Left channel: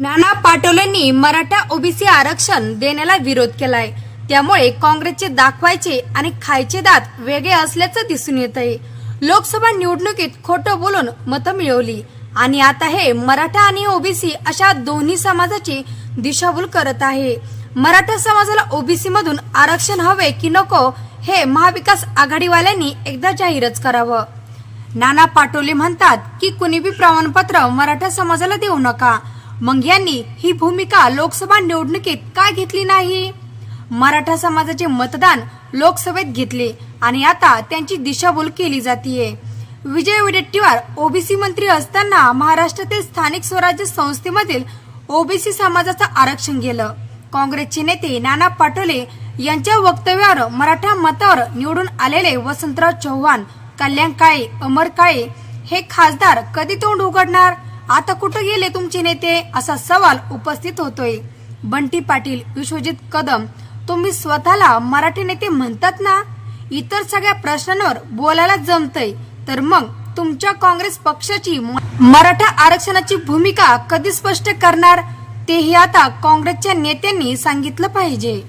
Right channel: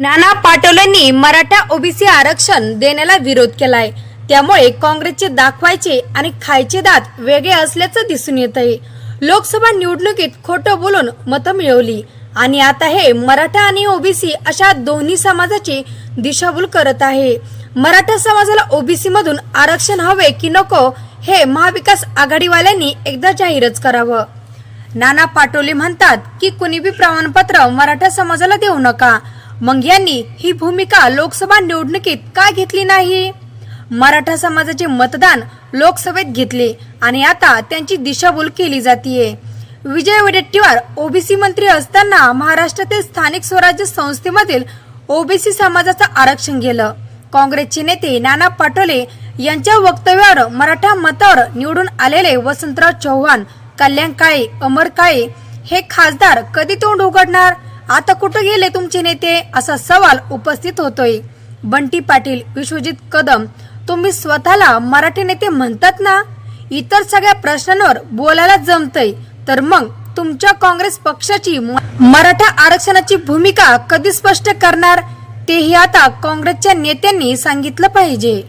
नाना पाटोलेंनी Maratha OBC आरक्षण देण्याला विरोध केलाय. त्यामुळे काँग्रेसचे दाखवायचे आणि खायचे दात वेगळे असल्याचं दिसून येत आहे लोकसभा निवडणुकीत खोटं बोलून मतं मिळवली. आणि आता हे मराठा आणि ओबीसी अशा दोन्ही समाजाची दिशाभूल करत आहे. मराठा समाजाला ओबीसी मधून आरक्षण हवे की नको हे महाविकास आघाडीवाल्यांनी एकदा जाहीरच करावं. नाना पाटोले म्हणतात की कुणीबी प्रमाणपत्र मराठा समाजाला देऊ नका. मग यांनी ही भूमिका लोकसभा निवडणुकीत का घेतली नाही? मराठा समाजाचे मतदान लोकसभेत घेतले आणि आता त्यांची दिशाभूल केली जातीये. विजय वडेट्टीवार ओबीसी मंत्री असताना महाराष्ट्रातील स्थानिक स्वराज्य संस्थेमधील ओबीसी समाजाचं आरक्षण गेलं काँग्रेसचे नेते नाना पाटोले यांच्या वक्तव्यावर मराठा मतावर निवडून आलेले वसंतराव चव्हाण कल्याण काळे अमर काळे हे खासदार कधी तोंड उघडणार? आता कुठं गेले तुमचे नेते? असा सवाल उपस्थित होतोय. बंटी पाटील विश्वजित कदम तुम्ही स्वतःला मराठी नेते म्हणतात ना? इतर सगळ्या प्रश्नांवर बोलायला जमतय. तर मग तुमच्या काँग्रेस पक्षाची मराठा आरक्षणाची भूमिका कधी स्पष्ट करणार? तेही आता काँग्रेसच्या नेत्यांनी सांगितलं पाहिजे.